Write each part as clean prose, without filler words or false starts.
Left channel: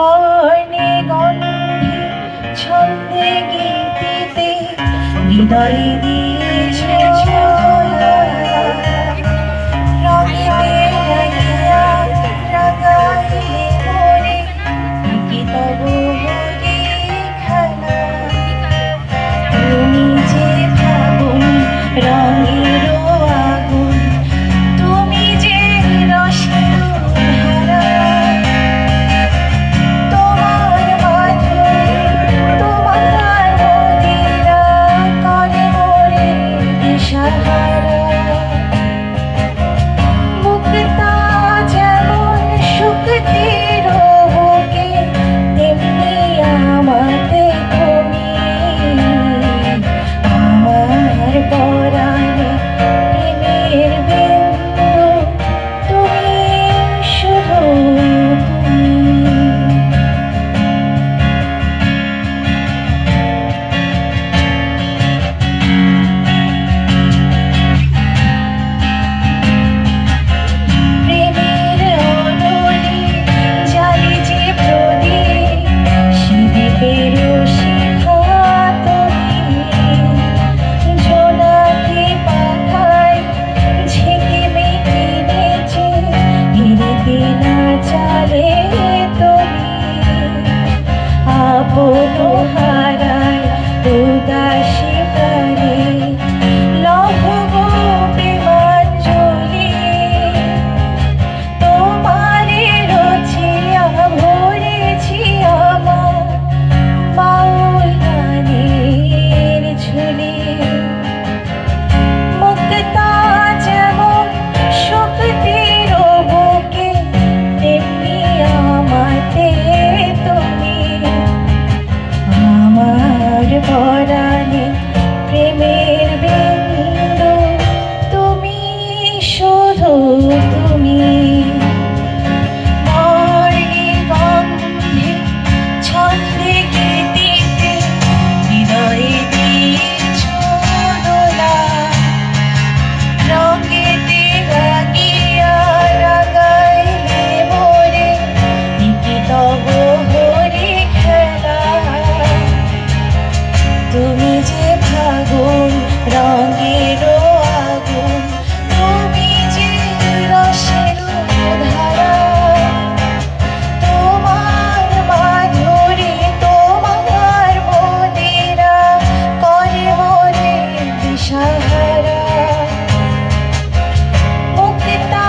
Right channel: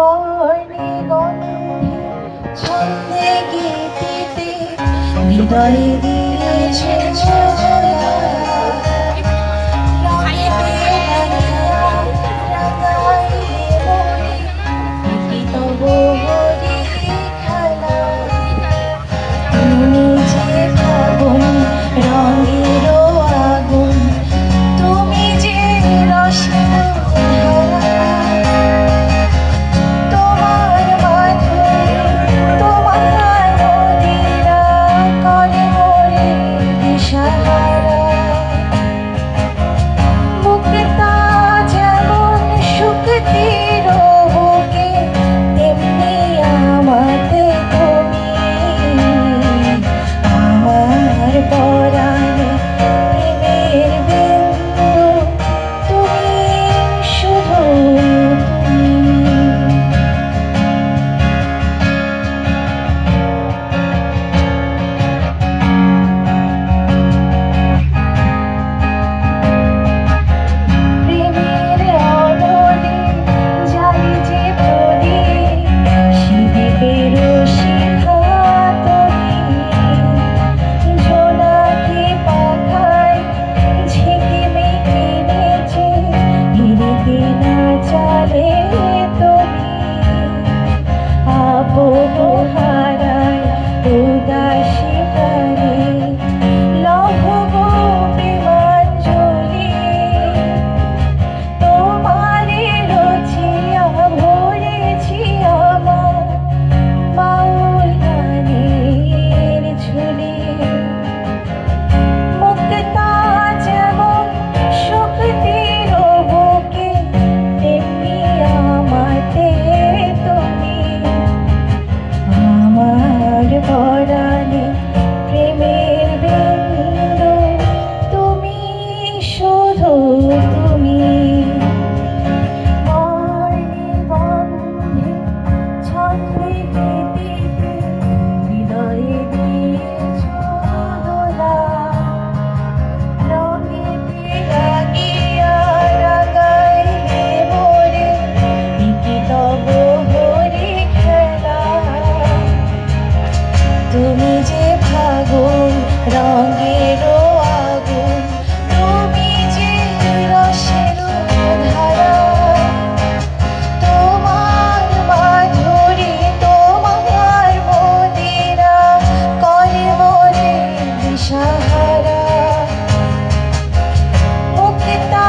বর্ণে গন্ধে ছন্দে গীতিতে হৃদয়ে দিয়েছে ছোঁয়া। রঙিতে রাঙিয়া রাঙাইলে মোরে কি তব হরি খেলা। তুমি যে ফাগুন রঙের আগুন, তুমি যে রসের ধারা। তোমার মাধুরী তোমার মদিরা করে মোরে দিশাহারা। মুক্তা যেমন শক্তির বুকে, তেমনি আমাতে তুমি। আমার পরাণে প্রেমের বিন্দু, তুমি শুধু তুমি। প্রেমের অনলে জ্বালি যে প্রদীপ, সে দ্বীপের শিখা তুমি। জোনাকি পাখায় ঝিকিমিকি নেচে ধীরে না চলে তুমি। আপন হারায় উদাসী প্রাণে লভ গো প্রেমাঞ্জলি। তোমারে রচিয়া ভরেছি আমার বাউল গানের ঝুলি। মুক্তা যেমন শক্তির বুকে, তেমনি আমাতে তুমি। আমার পরাণে প্রেমের বিন্দু, তুমি শুধু তুমি। বর্ণে গন্ধে ছন্দে গীতিতে হৃদয়ে দিয়েছ দোলা। রঙেতে রাঙিয়া রাঙাইলে মোরে কি তব হরি খেলা। তুমি যে ফাগুন রঙের আগুন, তুমি যে রসের ধারা। তোমার মাধুরী তোমার মদিরা করে মোরে দিশাহারা। মুক্তা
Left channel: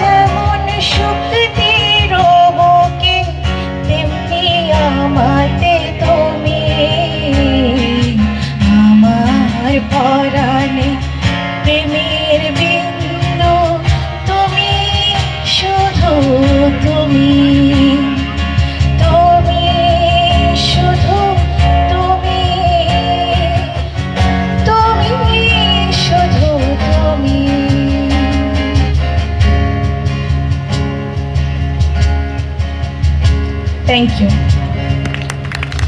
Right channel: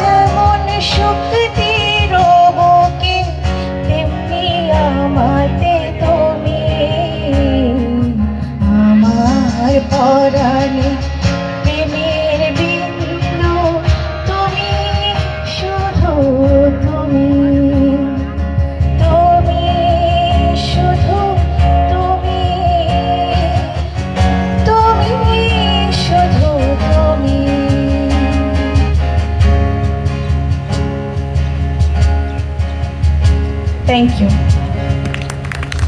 যেমন শক্তির বুকে, তেমনি আমাতে তুমি। আমার পরাণে প্রেমের বিন্দু, তুমি শুধু তুমি। তুমি শুধু তুমি। তুমি শুধু তুমি। Thank you.